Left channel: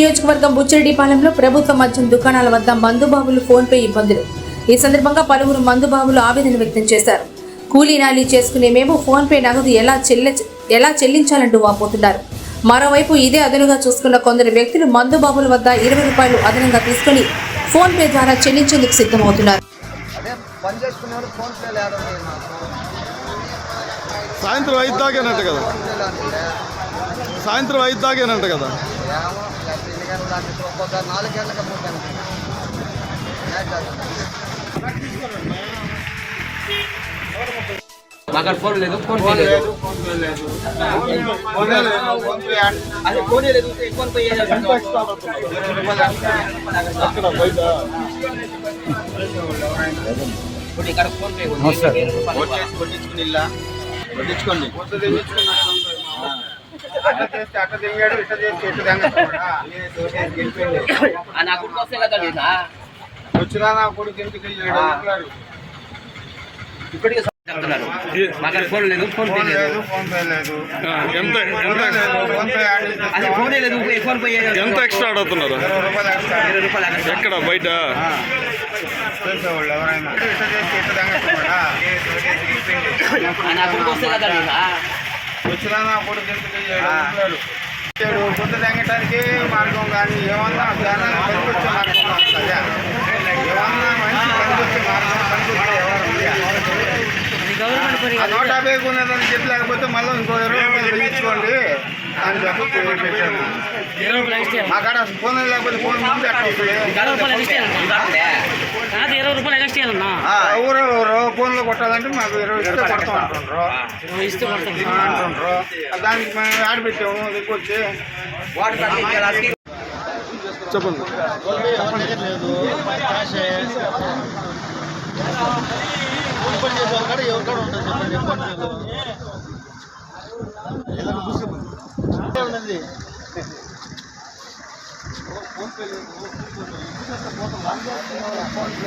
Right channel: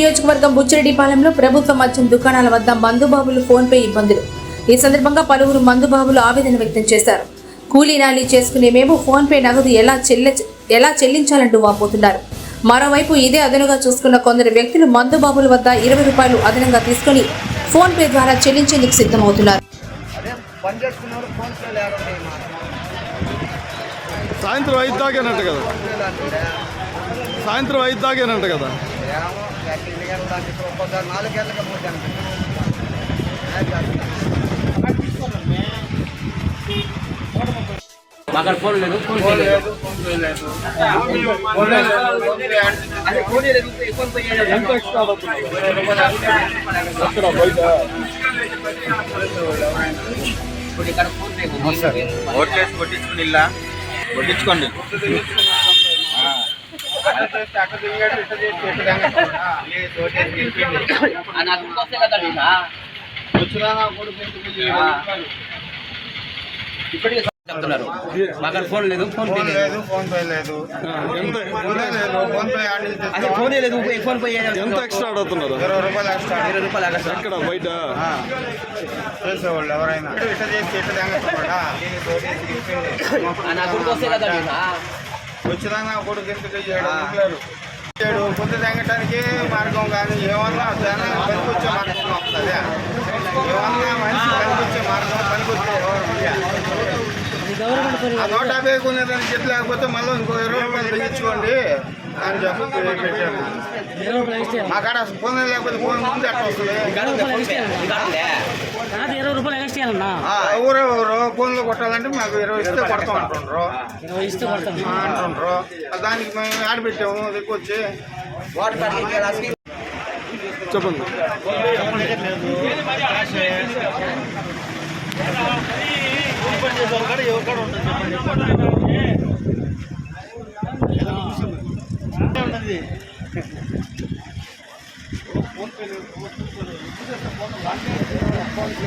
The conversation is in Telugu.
నియోజకవర్గం బుచ్చిరెడ్డిపాలెంలో ప్రభుత్వ మద్యం దుకాణాల వద్ద మందుబాబులు ఫోన్పే ఇబ్బందులు. ఈ సందర్భంగా పలువురు మందుబాబులు ఆవేదన వ్యక్తం చేశారు. కూలీ నాలీ చేసుకునే మేము ఫోన్పే నగదు ఎలా చెల్ల ఎలా చెల్లించాలంటూ వాపోతున్నారు. మరోవైపు ఇదే అదనుగా చూసుకున్న కొందరు వ్యక్తులు మందుబాబుల వద్ద ఇరవై రూపాయలు అదనంగా తీసుకుని ఫోన్పే ద్వారా చెల్లించేందుకు సిద్ధమవుతున్నారు. సాయంత్రం ఐదు దాకేనంట కదా. సాయంత్రం ఐదు దాకేనంట కదా ఏమో ఎక్కడ ఎన్ని గంటలు దాకా ఒక్కొక్క నాలుగు గంటలకు మూడు గంటలకు ఏం చేస్తున్నారు? అక్కడ ఫోన్ లేదు ఫోన్ పే లేదు అదే ఫోన్ లేదు ఫోన్ పే లేదు ఇప్పుడు ఇక్కడ ఫోన్ పే ఉంది వేరే రూపాయలు కొట్టించుకోండి వచ్చినా కొడుకు ఎందుకు ఇప్పటికే చెప్తున్నారు ఫోన్ లేదు ఫోన్ పే లేదు ఫోన్ పే లేదు ఎంత ఫోన్ పే లేదు ఫోన్ పే ఎంత ఎక్స్ట్రా అడుగుతున్నారు ఇరవై రూపాయలు ఎక్స్ట్రా ఇరవై రూపాయలు ఎక్కడ బయట చేసేవాళ్ళు ఎవరైనా ఇట్లా చేసి వచ్చినా నా కొడుకు ఎందుకు వెళ్ళాడు? పొద్దు తెంగటానికి మార్గం కానీ ఏమన్నా జనాలు పనికొచ్చే మార్గం వస్తుంది ఏమన్నా మనిషి పనికొచ్చే మార్గం పనికొచ్చే ఎవరు ఆ నూట యాభై ఉన్నదని చెప్పి లేకపోతే మళ్ళీ ఇంకో ఇరవై రూపాయలు తగ్గించుకోండి అని చెప్పి పెట్టాము మా కాడ ఫోన్ లేకపోతే ఫోన్ ముందు ఎట్లా వస్తుంది. ఇరవై రూపాయలు ఎవరు ఎవరు ఫోన్లో కొట్టాలంటే మాకు ఇరవై ఇస్తే కొడతాం అంటుండ్రు. ఇస్తే కొడతాం. ఆ, అంటుండ్రు. ఆ, దానికి మేము ఆడ పెట్టాము దిక్కు వచ్చి చెప్పండి